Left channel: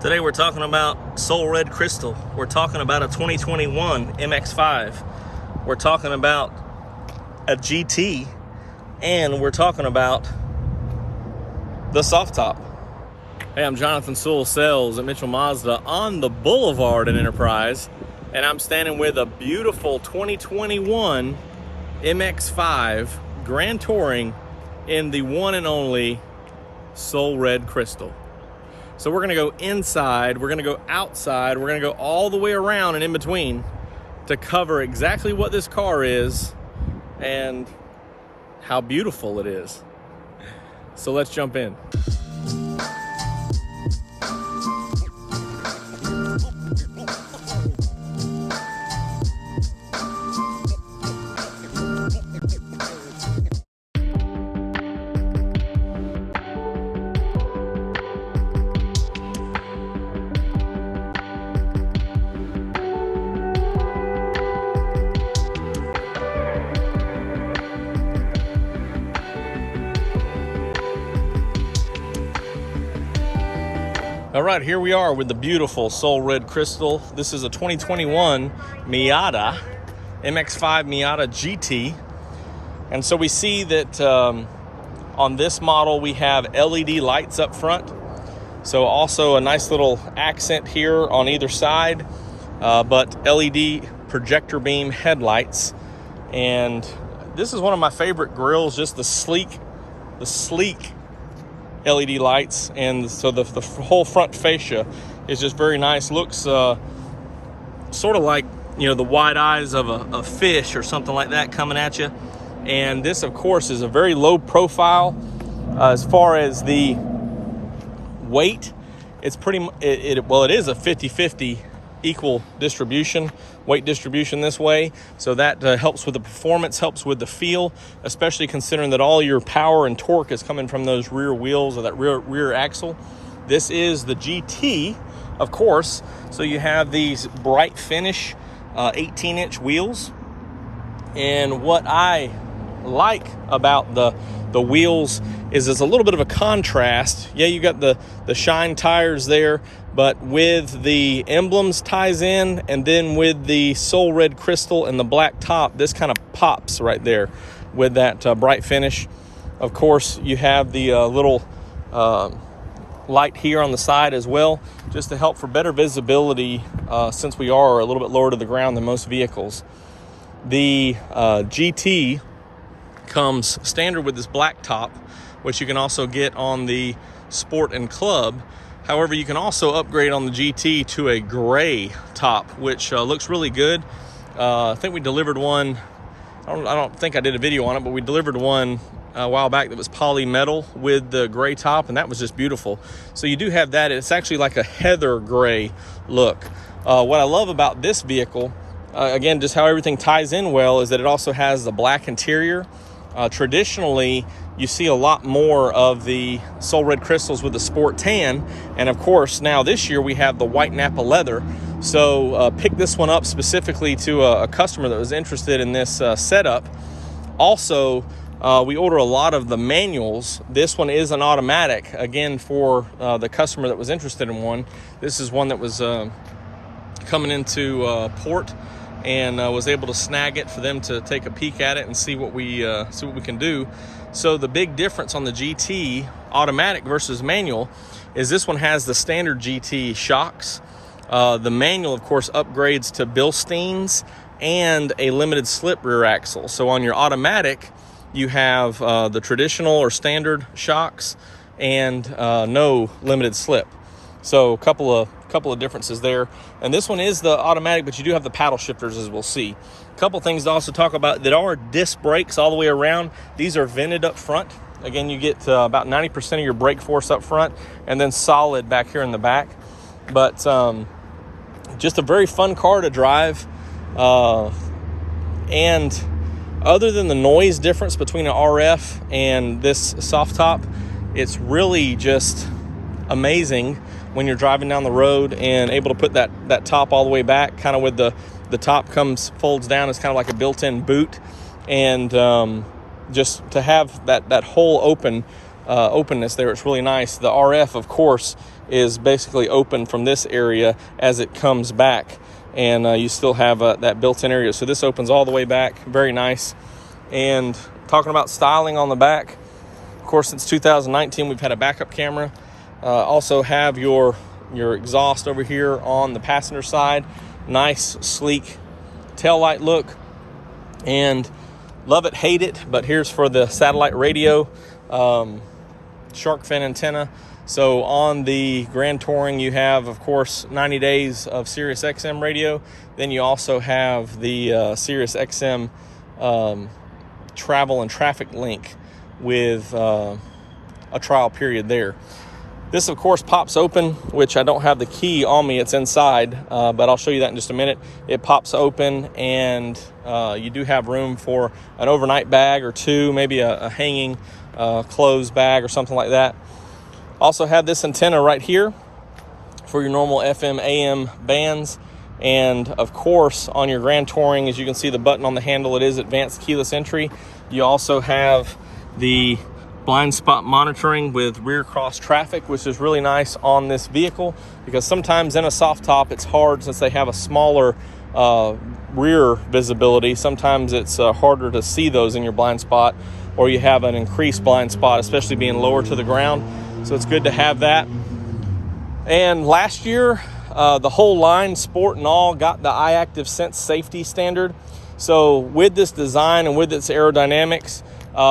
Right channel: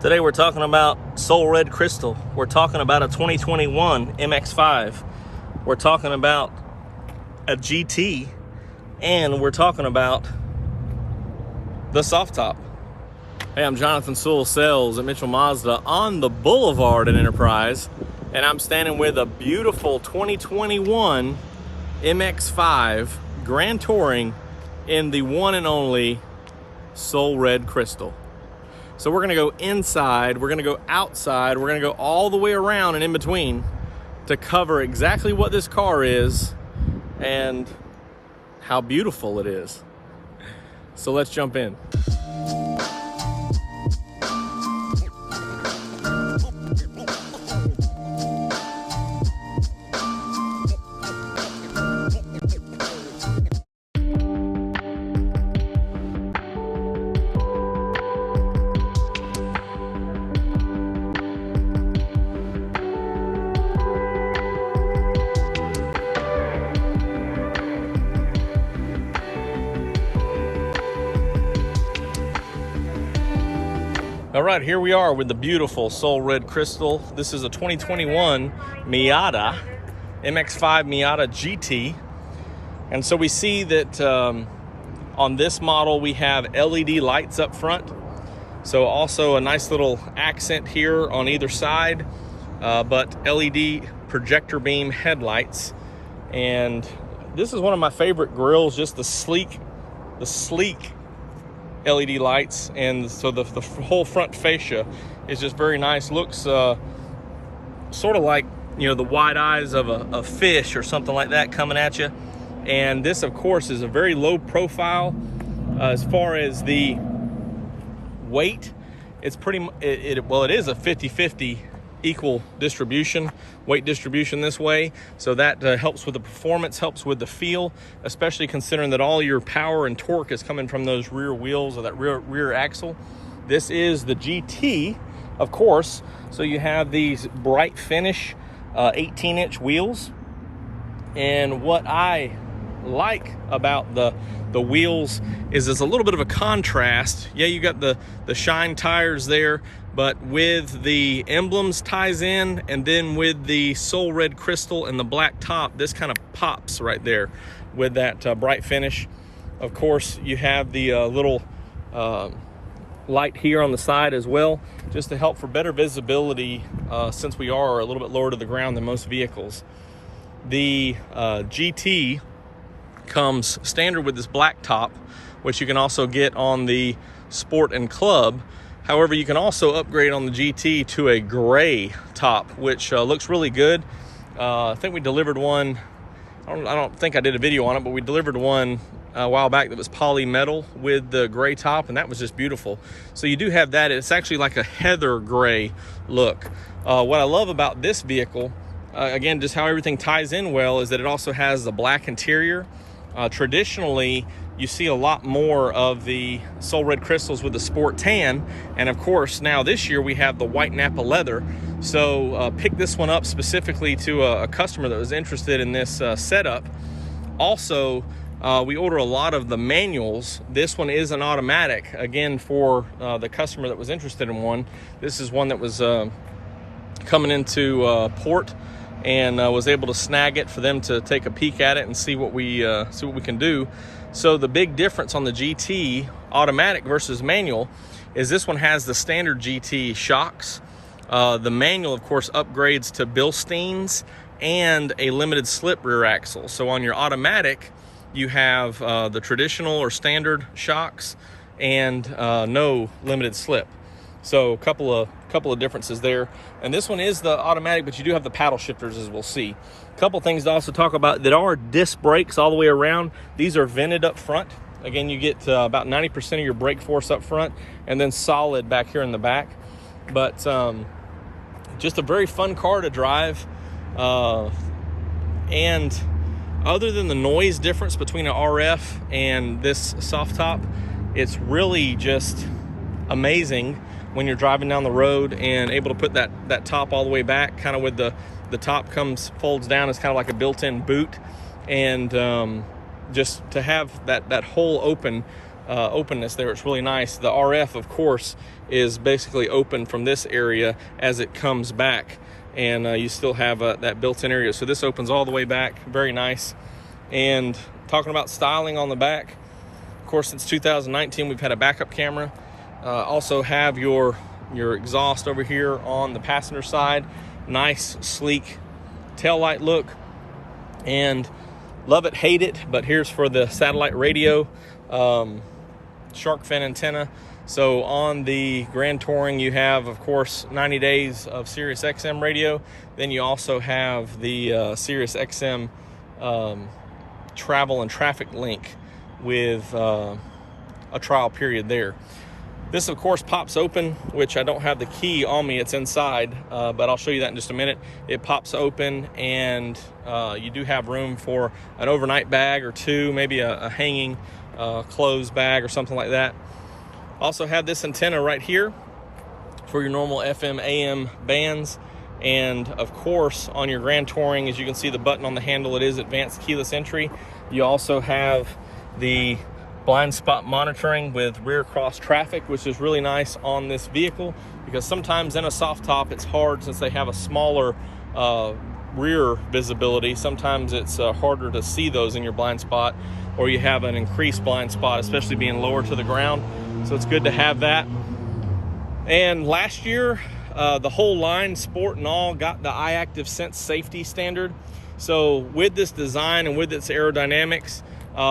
Today we're talking about Sewell Red Crystal. We're talking about a 2021 MX-5. We're talking about a GT, and we're talking about the soft top. Hey, I'm Jonathan Sewell, sales at Mitchell Mazda on the Boulevard in Enterprise, and I'm standing with a beautiful 2021 MX-5 Grand Touring in the one and only Sewell Red Crystal. So we're gonna go inside, we're gonna go outside, we're gonna go all the way around and in between to cover exactly what this car is and how beautiful it is. So let's jump in. All right, here we are with the beautiful Sewell Red Crystal. This is a 2021 Miata, MX-5 Miata GT. And so we see that on this model, we have LED lights up front. So also a nice little accent here on either side, but LED projector beam headlights. And this is one of my favorite grills, just the sleek LED lights, and so the whole front fascia is just very nice. Looks sort of like, you know, the wide eyes of a fish or something like that coming at you. And this, of course, is a very low profile as far as the weight. It's pretty well, it is a 50-50 equal distribution, weight distribution this way, so that helps with the performance, helps with the feel, especially considering that all your power and torque is coming from those rear wheels or that rear axle. This is the GT, of course, so you have these bright finish 18-inch wheels. And what I like about the wheels is there's a little bit of a contrast. Yeah, you got the shine tires there, but with the emblems ties in, and then with the Sewell Red Crystal and the black top, this kind of pops right there with that bright finish. Of course, you have the little light here on the side as well, just to help for better visibility since we are a little bit lower to the ground than most vehicles. The GT comes standard with this black top, which you can also get on the Sport and Club. However, you can also upgrade on the GT to a gray top, which looks really good. I think we delivered one. I don't think I did a video on it, but we delivered one a while back that was poly metal with the gray top, and that was just beautiful. So you do have that. It's actually like a heather gray look. What I love about this vehicle, again, just how everything ties in well, is that it also has the black interior. Traditionally, you see a lot more of the Sewell Red Crystals with the sport tan, and of course now this year we have the white Napa leather. So pick this one up specifically to a customer that was interested in this setup. Also, we order a lot of the manuals. This one is an automatic, again, for the customer that was interested in one. This is one that was coming into port, and was able to snag it for them to take a peek at it and see what we can do. So the big difference on the GT automatic versus manual is this one has the standard GT shocks. The manual, of course, upgrades to Bilsteins and a limited slip rear axle. So on your automatic, you have the traditional or standard shocks and no limited slip. So a couple of differences there. And this one is the automatic, but you do have the paddle shifters, as we'll see. A couple things to also talk about that are disc brakes all the way around. These are vented up front. Again, you get about 90% of your brake force up front, and then solid back here in the back. But just a very fun car to drive. And other than the noise difference between an RF and this soft top, it's really just amazing when you're driving down the road and able to put that top all the way back, kind of with the top folds down. It's kind of like a built-in boot, and just to have that whole openness there, it's really nice. The RF, of course, is basically open from this area as it comes back, and you still have that built-in area. So this opens all the way back, very nice. And talking about styling on the back, of course, since 2019 we've had a backup camera. Also have your exhaust over here on the passenger side. Nice, sleek tail light look, and love it, hate it, but here's for the satellite radio, shark fin antenna. So on the Grand Touring, you have, of course, 90 days of Sirius XM radio. Then you also have the Sirius XM travel and traffic link with a trial period there. This, of course, pops open, which I don't have the key on me. It's inside, but I'll show you that in just a minute. It pops open, and you do have room for an overnight bag or two, maybe a hanging clothes bag or something like that. Also have this antenna right here for your normal FM, AM bands. And of course, on your Grand Touring, as you can see the button on the handle, it is advanced keyless entry. You also have the blind spot monitoring with rear cross traffic, which is really nice on this vehicle, because sometimes in a soft top it's hard, since they have a smaller rear visibility. Sometimes it's harder to see those in your blind spot, or you have an increased blind spot, especially being lower to the ground. So it's good to have that. And last year, the whole line, sport and all, got the iActive Sense safety standard. So with this design and with its aerodynamics,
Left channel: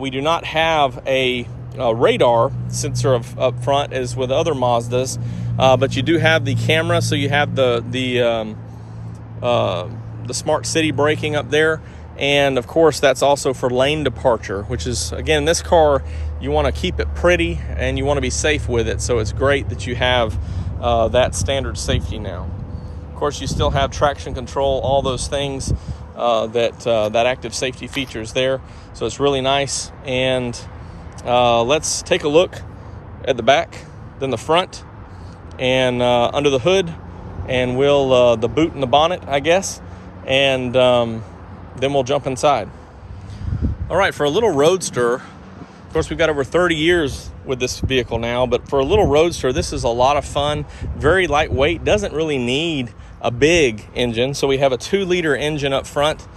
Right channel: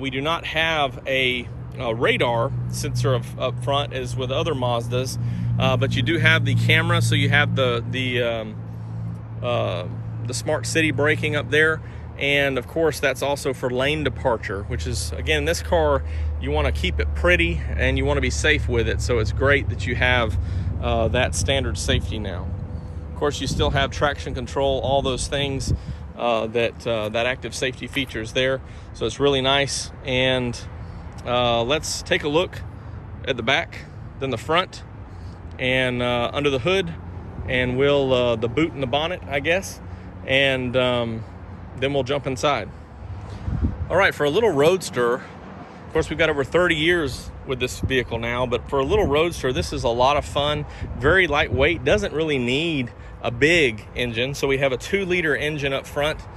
we do not have a radar sensor up front as with other Mazdas, but you do have the camera. So you have the smart city braking up there, and of course that's also for lane departure, which is, again, this car, you want to keep it pretty and you want to be safe with it. So it's great that you have that standard safety now. Of course, you still have traction control, all those things that active safety features there. So it's really nice. And let's take a look at the back, then the front, and under the hood, and we'll the boot and the bonnet, I guess, and then we'll jump inside. All right, for a little roadster, of course, we've got over 30 years with this vehicle now, but for a little roadster, this is a lot of fun. Very lightweight, doesn't really need a big engine. So we have a 2-liter engine up front,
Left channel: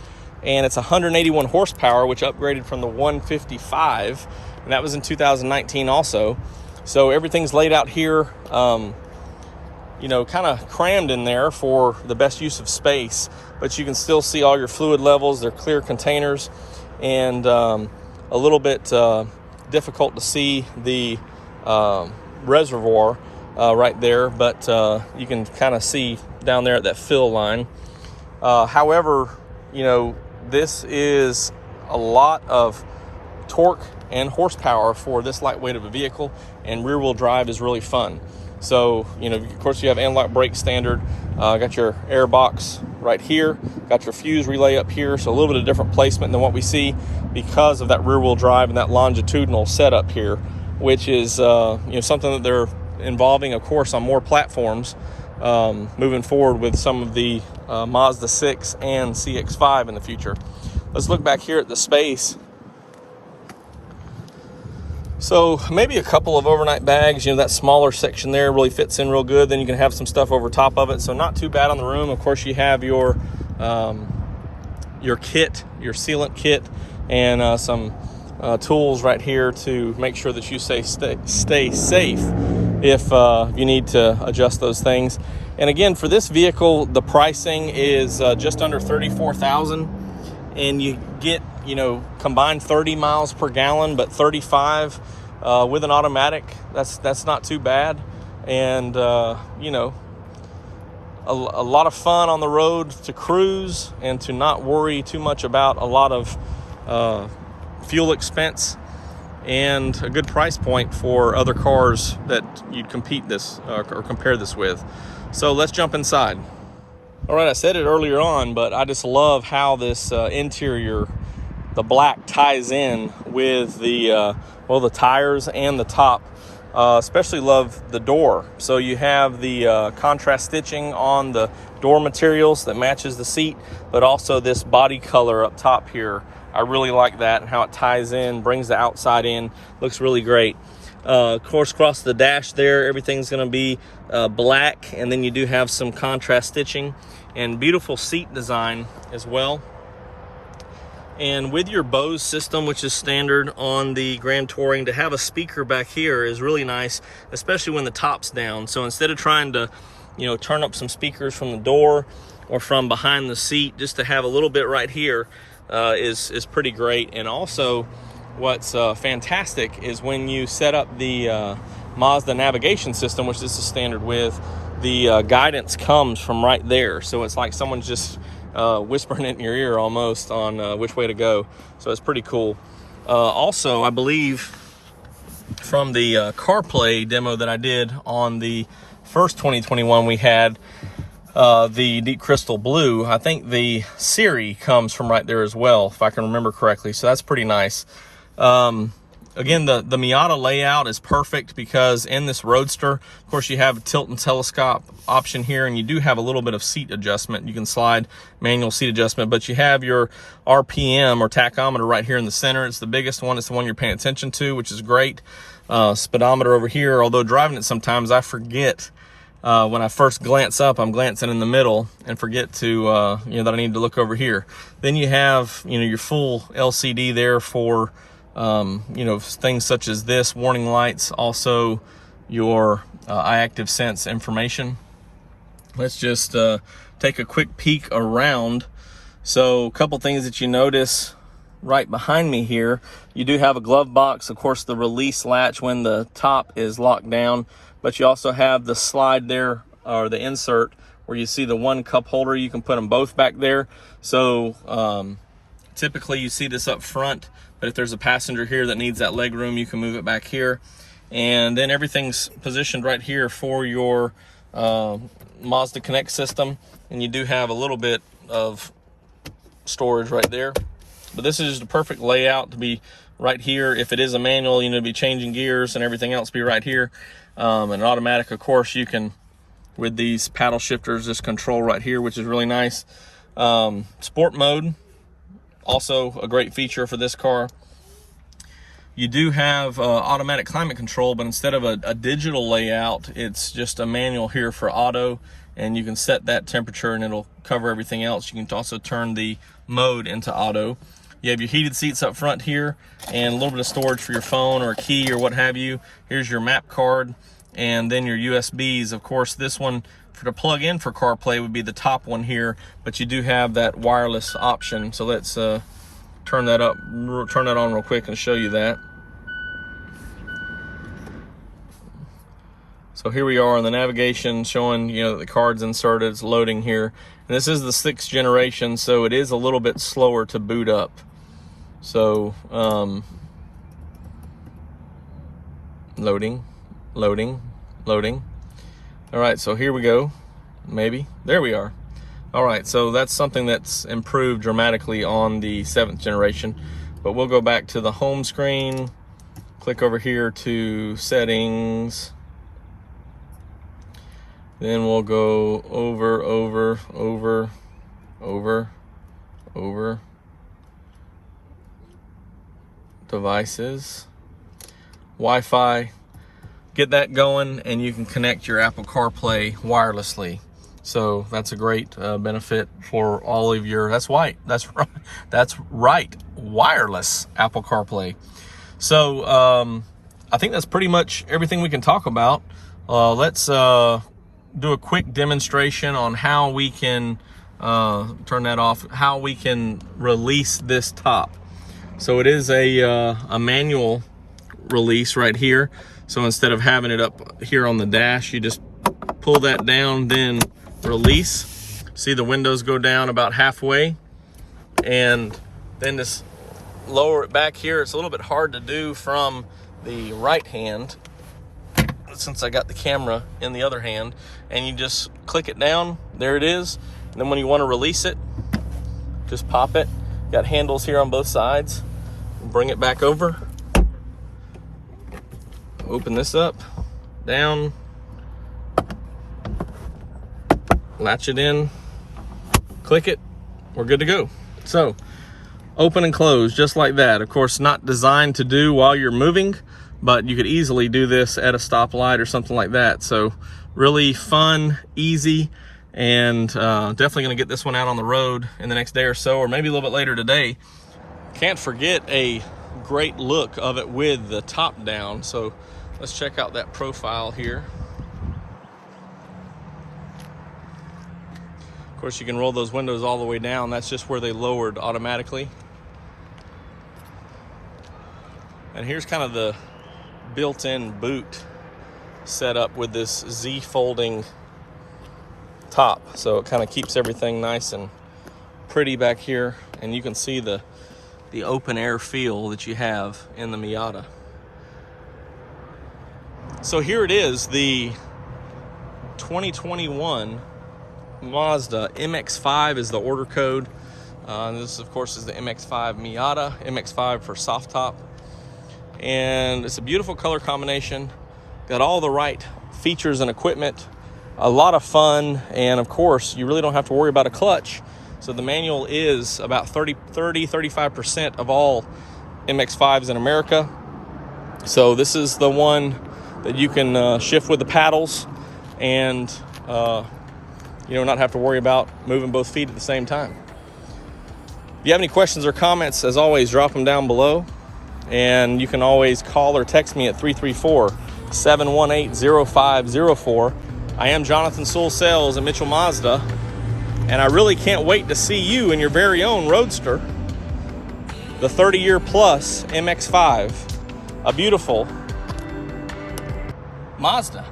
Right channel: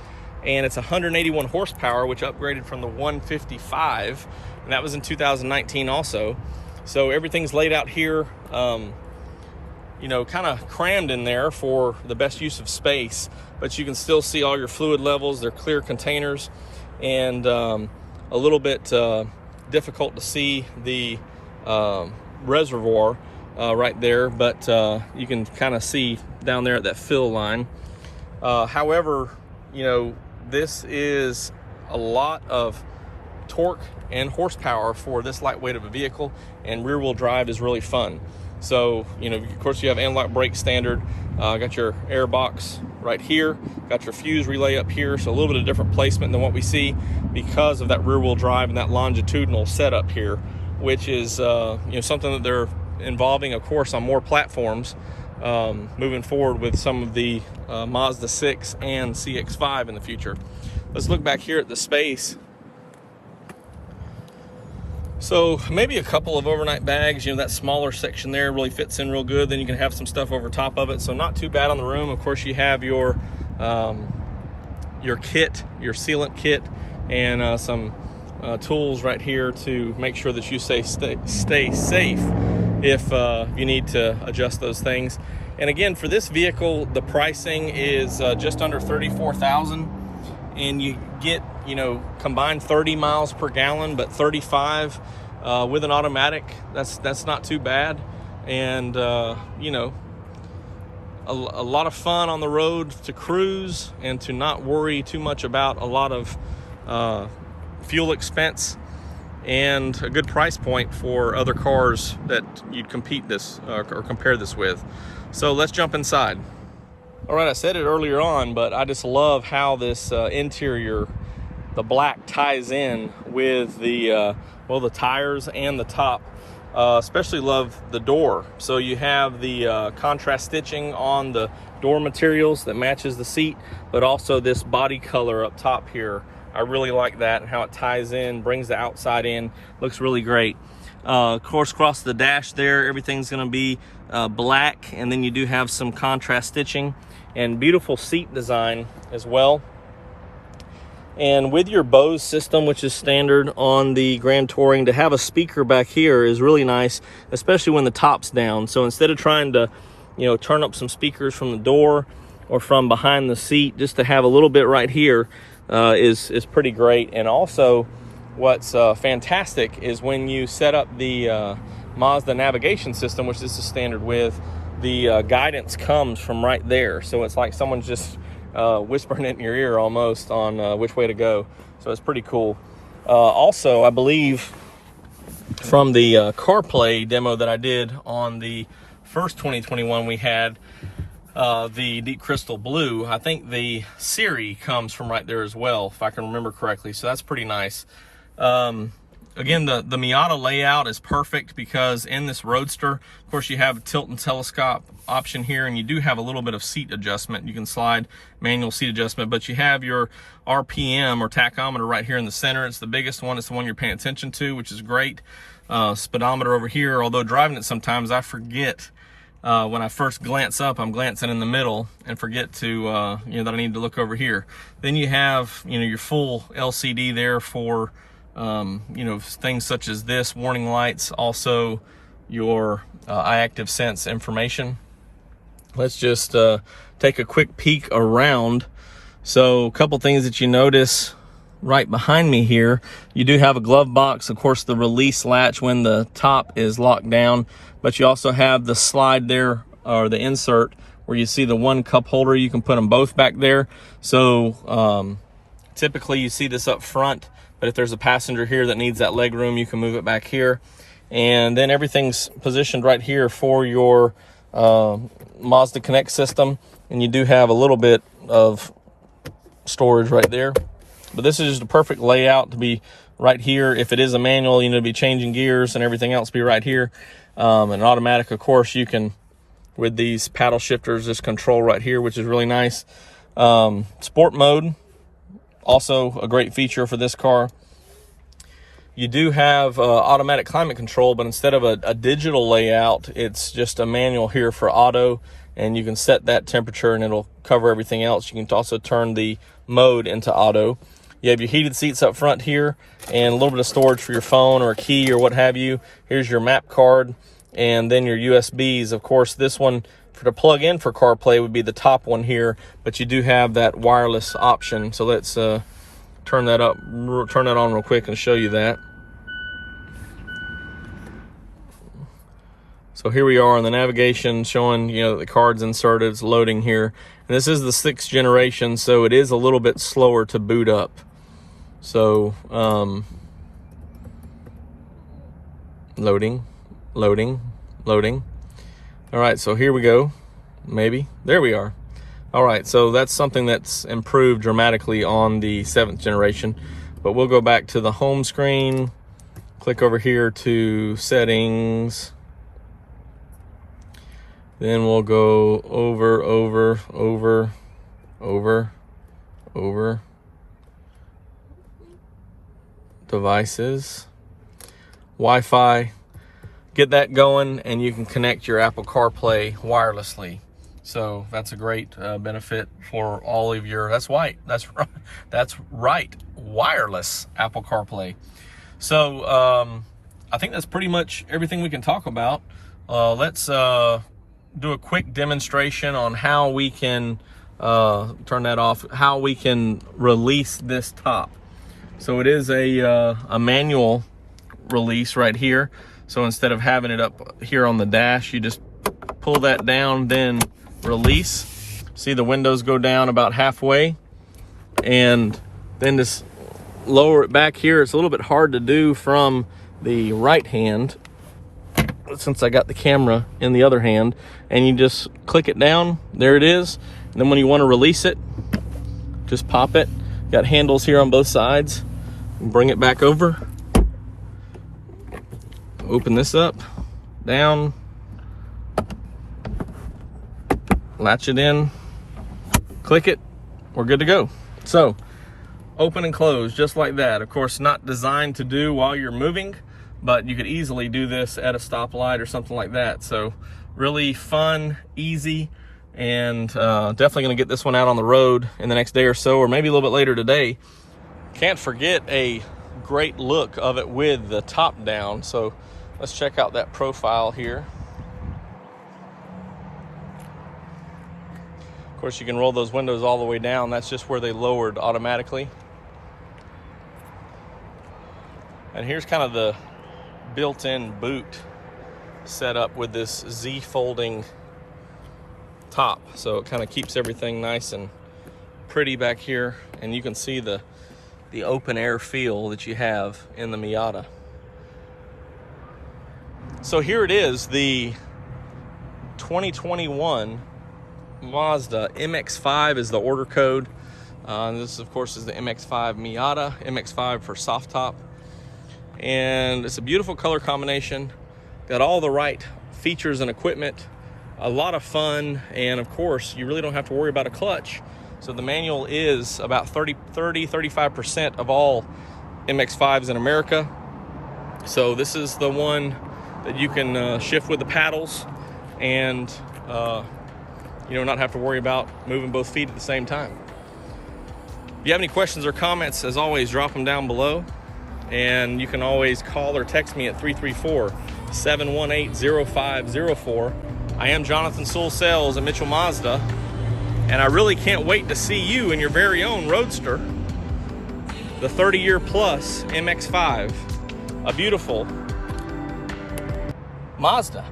and it's 181 horsepower, which upgraded from the 155, and that was in 2019 also. So everything's laid out here, you know, kind of crammed in there for the best use of space, but you can still see all your fluid levels. They're clear containers, and a little bit difficult to see the reservoir right there, but you can kind of see down there at that fill line. However, you know, this is a lot of torque and horsepower for this lightweight of a vehicle, and rear wheel drive is really fun. So, you know, of course you have anti-lock brake standard, got your air box right here, got your fuse relay up here, so a little bit of different placement than what we see because of that rear wheel drive and that longitudinal setup here, which is you know, something that they're involving, of course, on more platforms moving forward with some of the Mazda 6 and CX-5 in the future. Let's look back here at the space. So maybe a couple of overnight bags, you know, that smaller section there really fits in real good. Then you can have some stuff over top of it. So not too bad on the room. Of course, you have your kit, your sealant kit, and some tools right here to make sure that you stay safe if you need to adjust those things. And again, for this vehicle, the pricing is just under $34,000, and you get, you know, combined 30 miles per gallon, but 35 with an automatic. That's not too bad, and you know, a lot of fun on the road to cruise and to not worry too much about a lot of fuel expense, and a good price point for other cars that you'd compete this or compare this with. So let's jump inside. All right, I said it earlier on, but I just love how this interior, the black, ties in with the well, the tires and the top. Especially love the door. So you have the contrast stitching on the door materials that matches the seat, but also this body color up top here. I really like that and how it ties in, brings the outside in, looks really great. Of course, across the dash there, everything's going to be black, and then you do have some contrast stitching and beautiful seat design as well. And with your Bose system, which is standard on the Grand Touring, to have a speaker back here is really nice, especially when the top's down. So instead of trying to, you know, turn up some speakers from the door or from behind the seat, just to have a little bit right here is pretty great. And also, what's fantastic is when you set up the Mazda navigation system, which this is standard with, the guidance comes from right there. So it's like someone's just whispering it in your ear almost on which way to go. So it's pretty cool. Also, I believe from the Carplay demo that I did on the first 2021, we had the Deep Crystal Blue. I think the Siri comes from right there as well, if I can remember correctly. So that's pretty nice. Again, the Miata layout is perfect because in this Roadster, of course, you have a tilt and telescope option here, and you do have a little bit of seat adjustment. You can slide manual seat adjustment, but you have your RPM or tachometer right here in the center. It's the biggest one. It's the one you're paying attention to, which is great. Speedometer over here, although driving it sometimes I forget. When I first glance up, I'm glancing in the middle and forget to, you know, that I need to look over here. Then you have, you know, your full LCD there for, you know, things such as this, warning lights, also your iActive Sense information. Let's just take a quick peek around. So a couple things that you notice right behind me here, you do have a glove box, of course, the release latch when the top is locked down, but you also have the slide there, or the insert, where you see the one cup holder. You can put them both back there. So typically you see this up front, but if there's a passenger here that needs that leg room, you can move it back here. And then everything's positioned right here for your Mazda Connect system. And you do have a little bit of storage right there. But this is just a perfect layout to be right here. If it is a manual, you know, to be changing gears and everything else be right here. And automatic, of course, you can, with these paddle shifters, just control right here, which is really nice. Sport mode, also a great feature for this car. You do have automatic climate control, but instead of a digital layout, it's just a manual here for auto, and you can set that temperature and it'll cover everything else. You can also turn the mode into auto. You have your heated seats up front here and a little bit of storage for your phone or a key or what have you. Here's your map card and then your USBs. Of course, this one to plug in for CarPlay would be the top one here, but you do have that wireless option. So let's turn that on real quick and show you that. So here we are in the navigation showing, you know, the card's inserted, it's loading here. And this is the 6th generation, so it is a little bit slower to boot up. So, loading. All right, so here we go. Maybe, there we are. All right, so that's something that's improved dramatically on the 7th generation. But we'll go back to the home screen, click over here to settings. Then we'll go over, devices, Wi-Fi, get that going, and you can connect your Apple CarPlay wirelessly. So that's a great benefit for all of your, that's right, wireless Apple CarPlay. So I think that's pretty much everything we can talk about. Let's do a quick demonstration on how we can turn that off, how we can release this top. So it is a manual release right here. So instead of having it up here on the dash, you just pull that down, then release. See the windows go down about halfway, and then just lower it back here. It's a little bit hard to do from the right hand since I got the camera in the other hand, and you just click it down. There it is. And then when you want to release it, just pop it. Got handles here on both sides. Bring it back over. Open this up, down, latch it in, click it, we're good to go. So open and close just like that. Of course, not designed to do while you're moving, but you could easily do this at a stoplight or something like that. So really fun, easy, and definitely gonna get this one out on the road in the next day or so, or maybe a little bit later today. Can't forget a great look of it with the top down. So let's check out that profile here. Of course, you can roll those windows all the way down. That's just where they lowered automatically. And here's kind of the built-in boot setup with this Z folding top. So it kind of keeps everything nice and pretty back here. And you can see the open air feel that you have in the Miata. So here it is, the 2021 Mazda MX-5 is the order code. This, of course, is the MX-5 Miata, MX-5 for soft top. And it's a beautiful color combination. Got all the right features and equipment. A lot of fun, and of course, you really don't have to worry about a clutch. So the manual is about 35% of all MX-5s in America. So this is the one that you can shift with the paddles and not have to worry about moving both feet at the same time. If you have any questions or comments, as always, drop them down below. And you can always call or text me at 334-718-0504. I am Jonathan Sewell Sales at Mitchell Mazda, and I really can't wait to see you in your very own Roadster, the 30-year plus MX-5, a beautiful Mazda.